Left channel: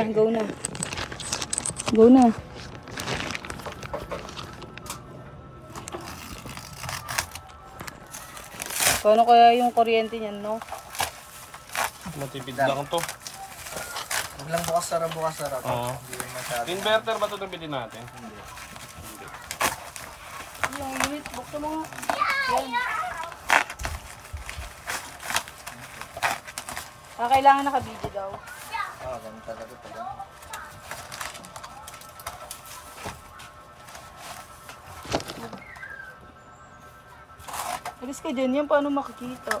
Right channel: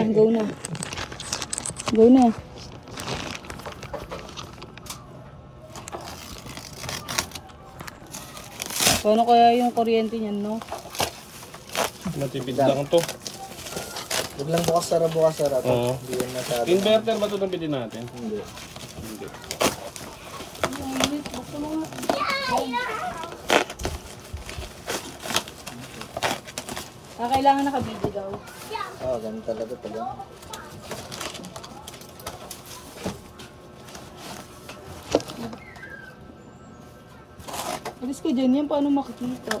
na, go na. Go na. Paano kaya yung kuryente niyan, no? Matipid lang to. Huwag lang bukas sara. Oo. Hindi yan masyado. Inverter ba ito na bilhin natin? Hindi. Hindi. Buksan mo. Kailangan naka-video daw. Ganun talaga pala. Alis ka dyan yan, paano makikita?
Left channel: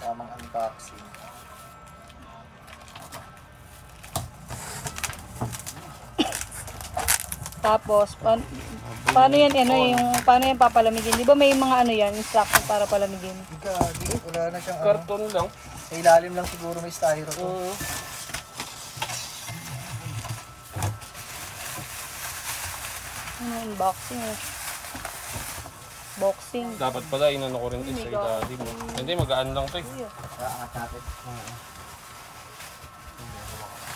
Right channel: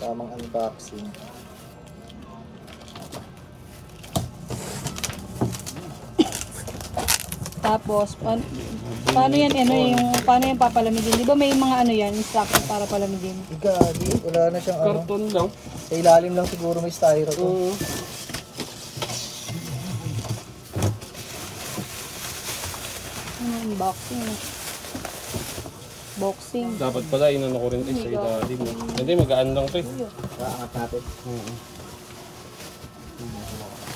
Tamang unboxing. Tapos, paano yan, paano yan papalamigin? Di ba may mga ano yan, instruction para palamigin? Gagi, wala na siyang ano. Karton lang. Sa ilalim lang siguro may styro to. Oo. Ano, unboxing eh. Boxing. Dapat pala inano ko rin sa ilalim. Hindi, magaan lang to eh. Nakaangat natin.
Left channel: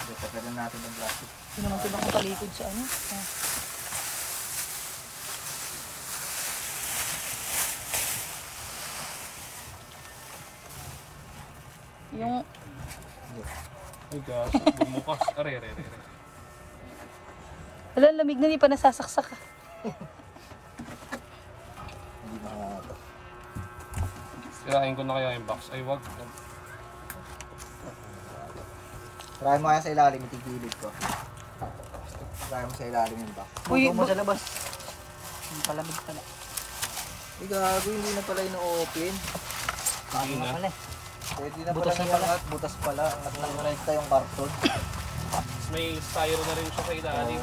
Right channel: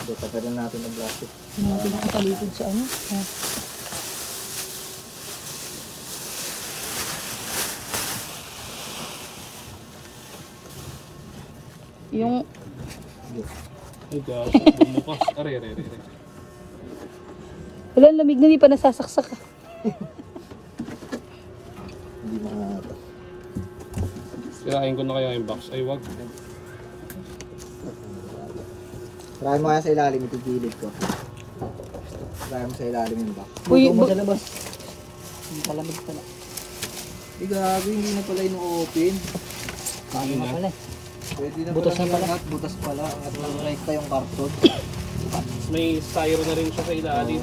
Hindi, tagalan natin ang plastic. Hindi naman sila katalikod sa ano. Yung Ito, bumukas. Are. wala, lamig na, hindi pa nasasaksak. Hindi na naman ito. Sirahin ko na kaya yung box. Ay, wag. Try mo kaya sa ilalim, itigilid ko. Try mo sa ilalim yung box. Uy, Buto mo sa labas. Hindi palamig pala. Hindi gago, hindi na pala ino-open. Hindi na. Pwede na Butas pala na pala. lahat, butas pala. At nangrekta yung karton. May styro na rin siya sa ilalim.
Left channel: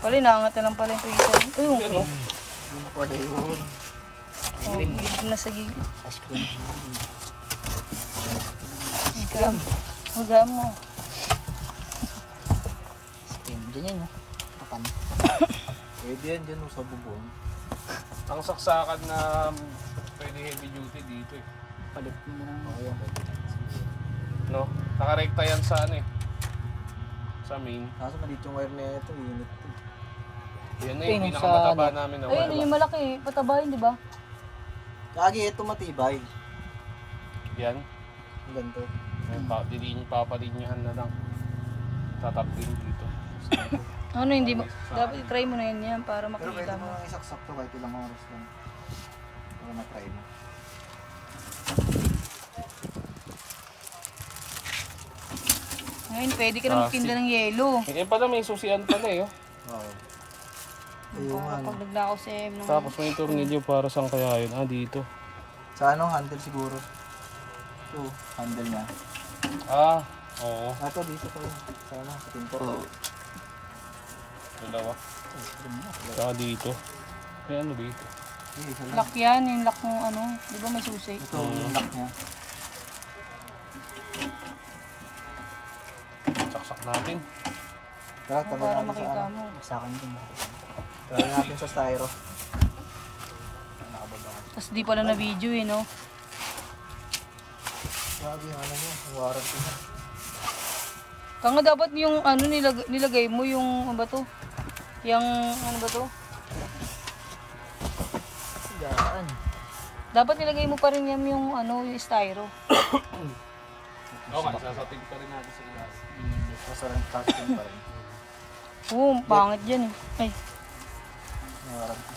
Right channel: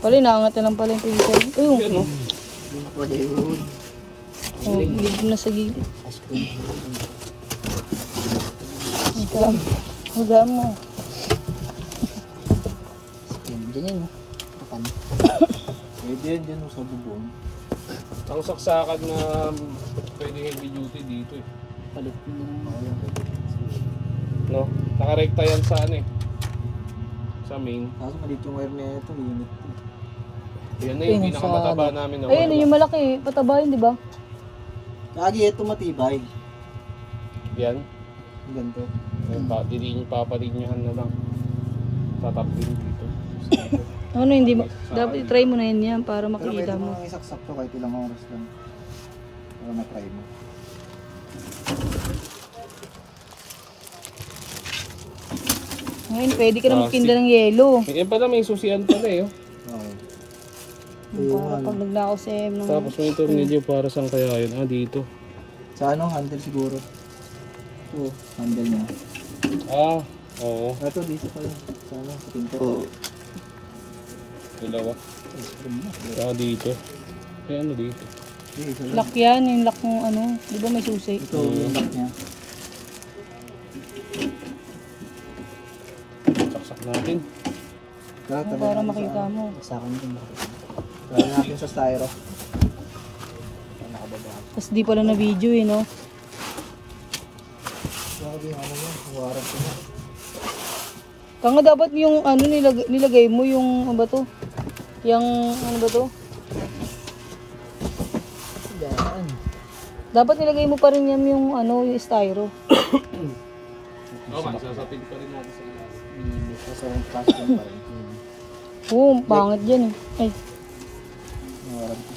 Wala, naangat na lang pala yung pinto. Ayun, Yan o. Yung pala yun. hindi na sa gilid. Magaan mo. Diyan yun, kapan. Pwede yan dyan sa bubong. Ang saksakan na pwede heavy duty dito eh. Palit mo na lang. No? Nakarekta yan sa ano eh. Sa main. Kaso malit yung wire na ito, limit. Yan na Ayun, yung pinakamataba sa namin na Ayun, wala. yung malaki, pataba yun, di ba? Lagi ito matibay. Yan. Ang ganito. Papalinyahan na lang. Tatapin dito. Ano, hindi mo, dapat i-try mo na yun yan para Pero pwede makita mo mo. nang isaksak to kahit ilang oras lang. Para matry mo. Ngayon, pwede ka na magtinda ng yelo. Eh pala may susian pala eh. Oh. Oo. Para pag nagnakaw si M ng... Tapos may tornilyo para saan kaya yun? Ah, dito. Sa ano, handle siguro. Ito, handle niya. Ah, oo. Ito, dito pala. Sa ano, sa pinto. Dalawa. Saka dito. Ay, ano dito? Hindi, isa lang. Lock yan, yung lock ng ano, di ba may susi? Ito, yung lock niya. Saksak natin. Para makita mo. Sa akin din. Gawin natin sa styro. Tapos di pala na video eh, no? Sabi, ano niya, warrant ko na. Kanga dapat yung ano nilagay mo yung ano ba to? Yung ano ba to? Daan. Dapat nilagay mo pa rin yung ano, yung styro. Oo, sasatin pa rin natin sa ilalim. Dito sa fashion pa rin. Oo, pangit dyan eh. Ay, Yung warrant ko.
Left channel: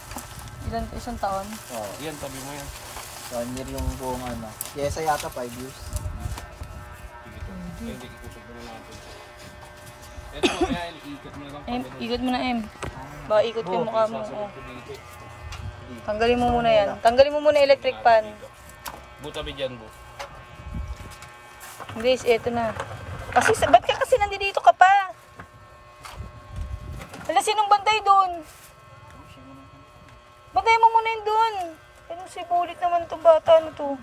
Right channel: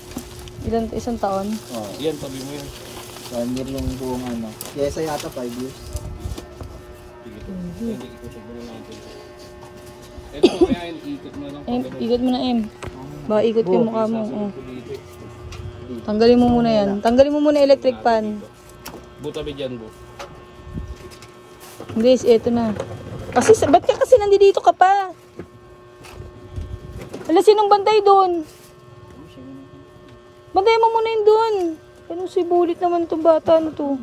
isang taon. Oo. Yan, sabi mo yun. 1 year yung buong ano. Kesa yata 5 years. Sige to. Hindi, ikusog mo na natin. Ito, kaya ikot mo lang. M, ikot mo na M. Ba, ikot yung mukha mo. Oh. Dito. Tanggalin mo muna yan. Tanggalin mo muna electric fan. Butabi dyan, bu. Guys, eto na. Kasi, ba't ka kasi nandito ka pa? Ala, sinong bantay doon? Bantay mo muna yun doon. Ano si bulit naman itong bata nito.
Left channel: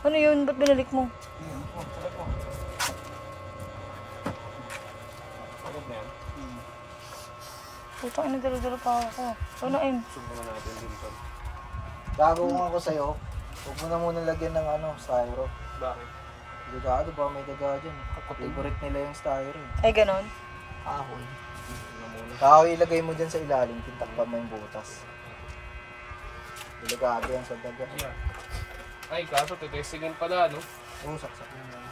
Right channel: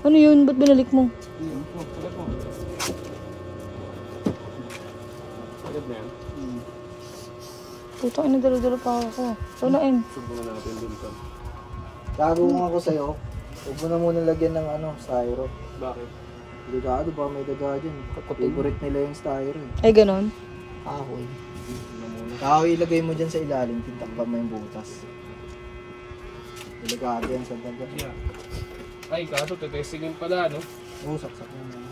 Ano yun? Ba't binalik mo? Agad mo. Agad na yan. Ito, ano dala-dala pa ako. Ito na, M. Subukan natin din sa. Bago mo ako sa'yo, huwag mo na muna lagyan ng styro. Bakit? Delikado, baka may daga dyan. Favorite nila yung styro. Ay, ganon. Kahoy. Na muna. Kahoy ilagay mo dyan sa ilalim, tintakpan mo yung butas. Delikado yan sa daga. Yeah. Ay, kaso tetestingin pala, no? Saksak mo yun.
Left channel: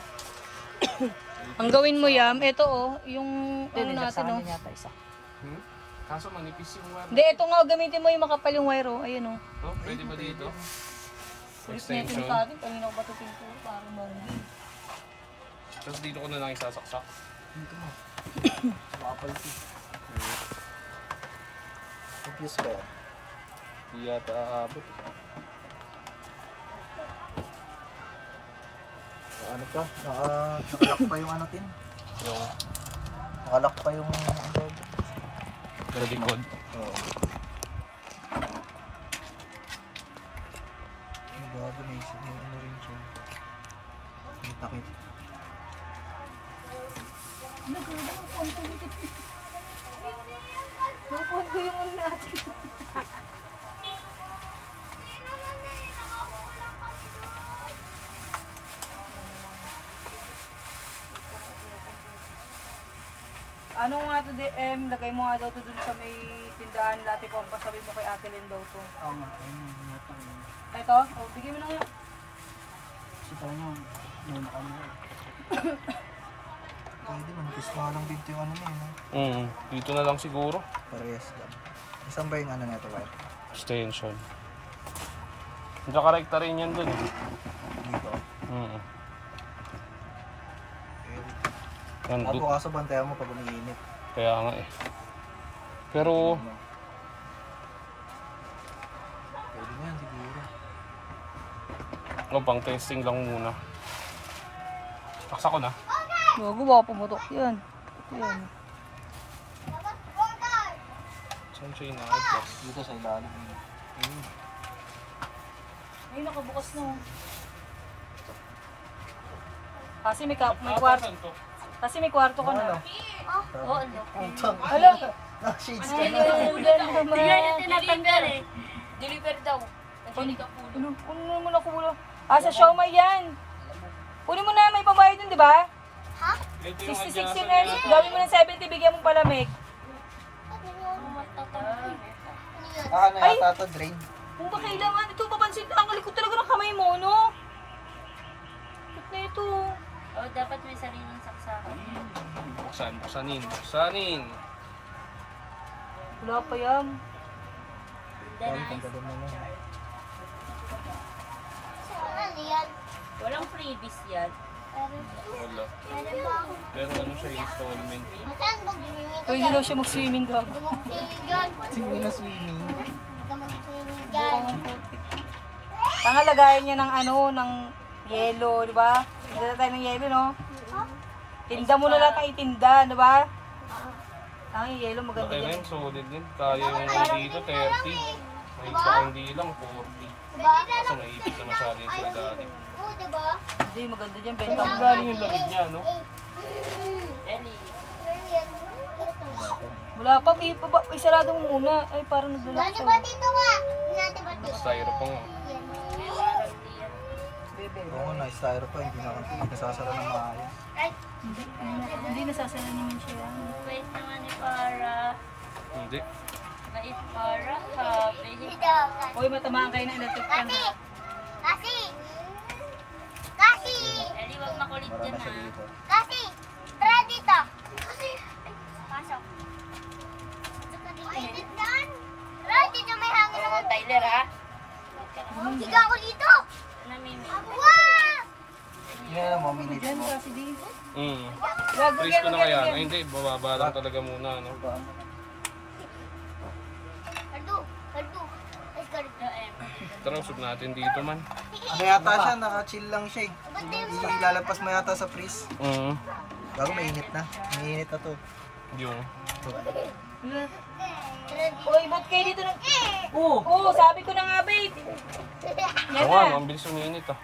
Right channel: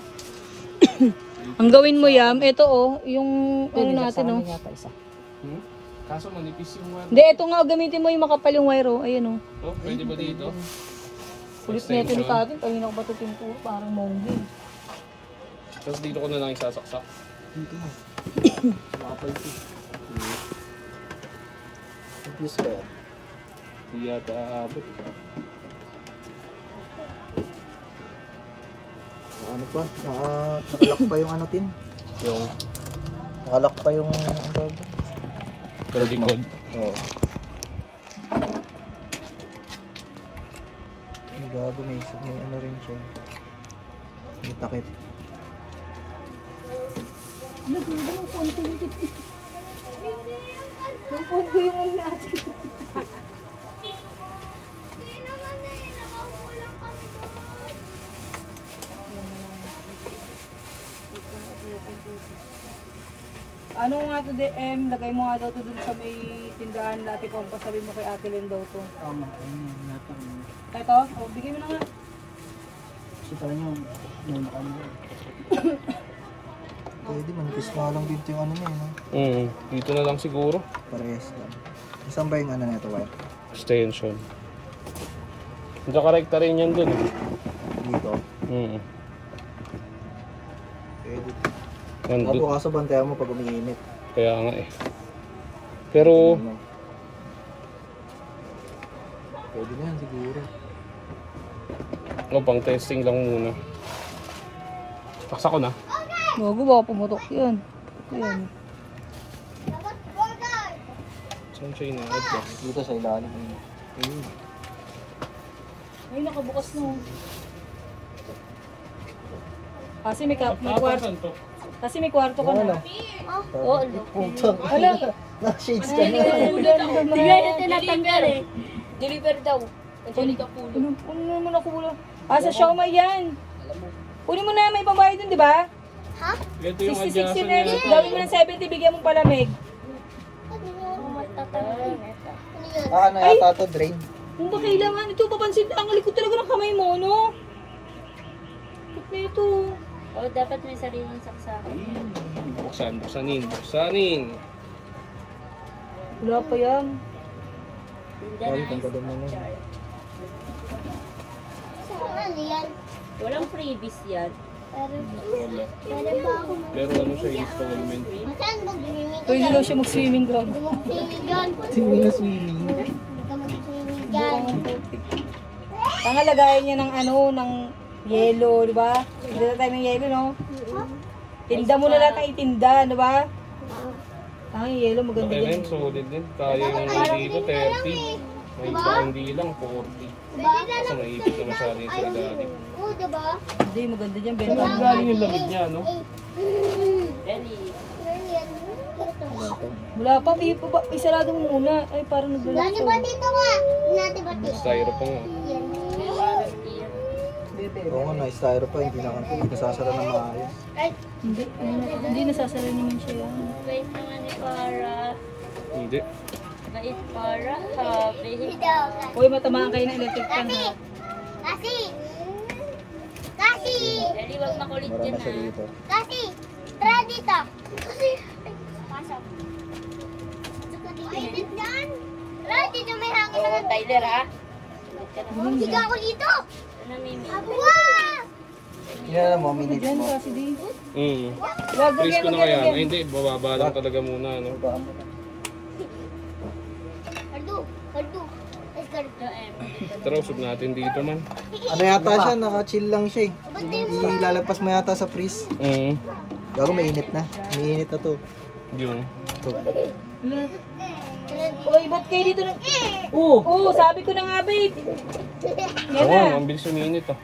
Ang gawin mo, Yam, ito yung ano natin, oh. Hmm? Kaso manipis yung wire. Hindi, ito nga, gamitin mo yung makapal yung wire, oh. Ayan, oh. Oh, pwede ba dito? Kulit na ito ni Katin. Kanina ko ba ito pinto? Parang monggi. Tapos dito ko na lang isasaksak. Dito na. Makapulti. Confuse ka yan. Di yata aabot. Ano pa? Nakalak pa yung ano tin? Yung Nakalak pa yung ano tawag doon? sa likod. Oo. Bago may ano rin siya. May takip. Ano nga to, DM? Lagay mo nga daw to dun sa may tindahan natin kung pasabihin mo kay Ate Len daw to. Tama. Ayun yata. Ito? O, bigay mo na nga. Kita nyo. Yung nakamura. Pwede, manipis na lang dito yung ano niya. No? Dito na lang siguro. Parehas lang. Isang ba yung ano na ito? Wire? Extension. Tsaka rekta rin yan dun. Dito. Pwede. Nandun. Kaso bantayan mo pag umiinit. Kaya nga eh. Pero, Ano? Pwede na yan siguro. pang testing lang muna. Taksa ko na. Bago baka pumutok yan. Yan. Saan siya ina-adjust? Dito sa ilalim. Ayun. Ay, nakabukas na. Kasi may kwarto. Kasi may kwarto ka na. Oo. Putang. Alam. Na-shades ka na. Tignan na tinatanggal eh. Deliver daw. Puno mo na kulo. Sa Shoma yan. Puno mo na, may pambayad dun, di ba? Ito yung 66 adjust na. niya. Gawin mo ng 70, bigyan mong palamig. Ano yata to, drain? Kung ba kailangan ito, papansin, ang alikot talaga ng kamay mo, no? Ba't na ito? Dapat may sariling saksakan. Buksanin. Wala pa yan. Ay, tanggalin mo na yun. Walang freebies yan. Wala. Pero ano siya, installment. Pwede daw siya mag-swimming dog. Hindi na swimming. Pangalagayan niya ng ano, ng yelo, di ba? Tinda tayo ng yelo, no? Tinda mo na lahat ng itinda, di ba? Ang yelo, maganda Okay na dyan. yun, solid din. Kaya yung dito, 30. May iba hindi lang, 40. Kasi naipit na masyari sa ilalim. Hindi, maganda dyan, benta Saan mo. galing yung lamig niya, no? Wala pa, isarado mo muna. Ay, parang naglalak siya. Styro pa nga. Oo nga, na-styro pa. Hindi nasasara ng maayos. Hindi, nasasara naman siya yan. Wait naman ni Para. Hindi. Bait Para. Sabi. Uy, matamaan kayo ng electric fan, ha? Dali, wag makulit Mara dyan na siya ha. dito. Oo, Tyler ha. Higa ko dito! Namimi. Yan alam mo, minutes Yan, mo. kasi di. Wag, freeze ko na kaya. Ay, hindi, bababa lang talaga muna, no? Tara, usap natin dito man. Ano yata siya, naka-chill lang siya eh. Ilalagpas mo yata sa freeze. Bago mainit na. Mainit na to. Yung. Uy, ba't kayo dito nang... Oo, sabi ko na nga, babe. Yan Oo na. nga, ang bilis uminit ah.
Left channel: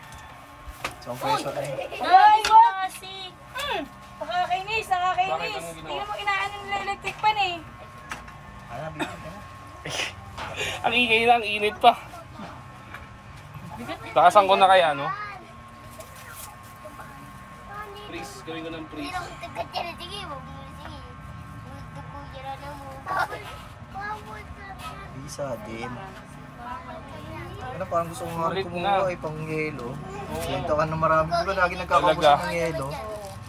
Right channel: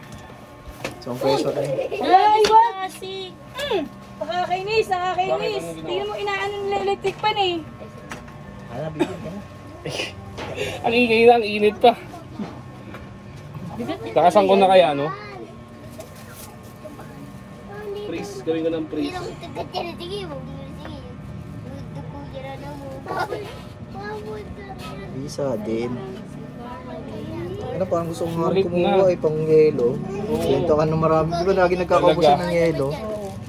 So, peso na yun. Ay, wag! Kasi, Nakakainis, nakakainis. Bakit? Anong ginawa? Tingnan mo, inaano nila electric pan eh. Ano, bigyan ka na. Ang ingay na, ang init pa. Takasan ko na kaya, no? Freeze, gawin ko ng freeze. Isa din. Ano pa ang gusto mo Sulit na. kumuha ay pang yelo. Benta ka ng marami. Di ba lagi nagkakaubusan Talaga? ng yelo?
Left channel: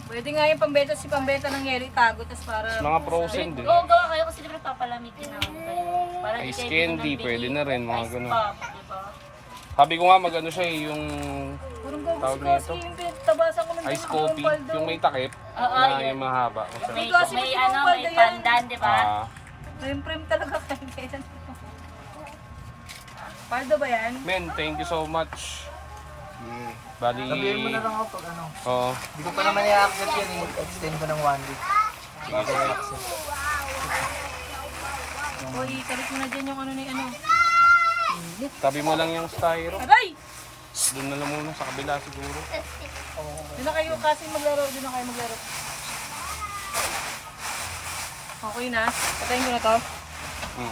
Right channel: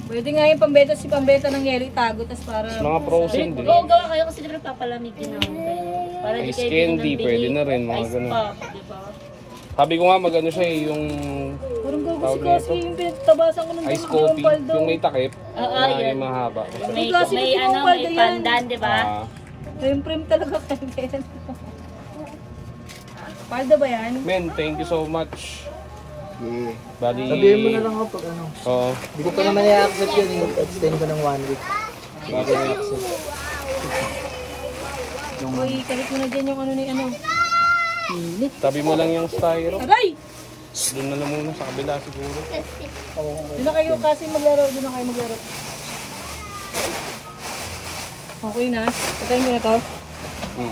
Pwede nga yung pambeta ng yelo, itago, tas para... Mga frozen din. oo, gawa kayo kasi siguro papalamigin namin kayo. Para di Ice kayo candy, bili ng pwede bili. na rin, mga Ice ganun. pop, di ba? Sabi ko nga mag-ano siya eh, yung Parang Tawag gago kasi nito? yung pinatabasan ko ng ice dalawang coffee, paldo. yung may takip, Oo, na yan. yung mahaba. May, Kasi may yung ano, paldo may yan. pandan, di ba? Ah, Prim-prim talaga kayo. Paldo ba yan? men, thank you so much. Yeah. Bali, Sabihin mo na lang ako pag ano. Oo. Hindi ko pa naman i-accept yun. Extend ko ng 1 week. Bago i-accept. Uy, kalit mo na dyan yung ano ni ano. Tabi mo lang yung styro. Aray! Doon na lang muna sa kabila siguro. Doon na kayo kasi maglaro, doon na kayo maglaro. Okay na. Patayin mo na to. Hmm.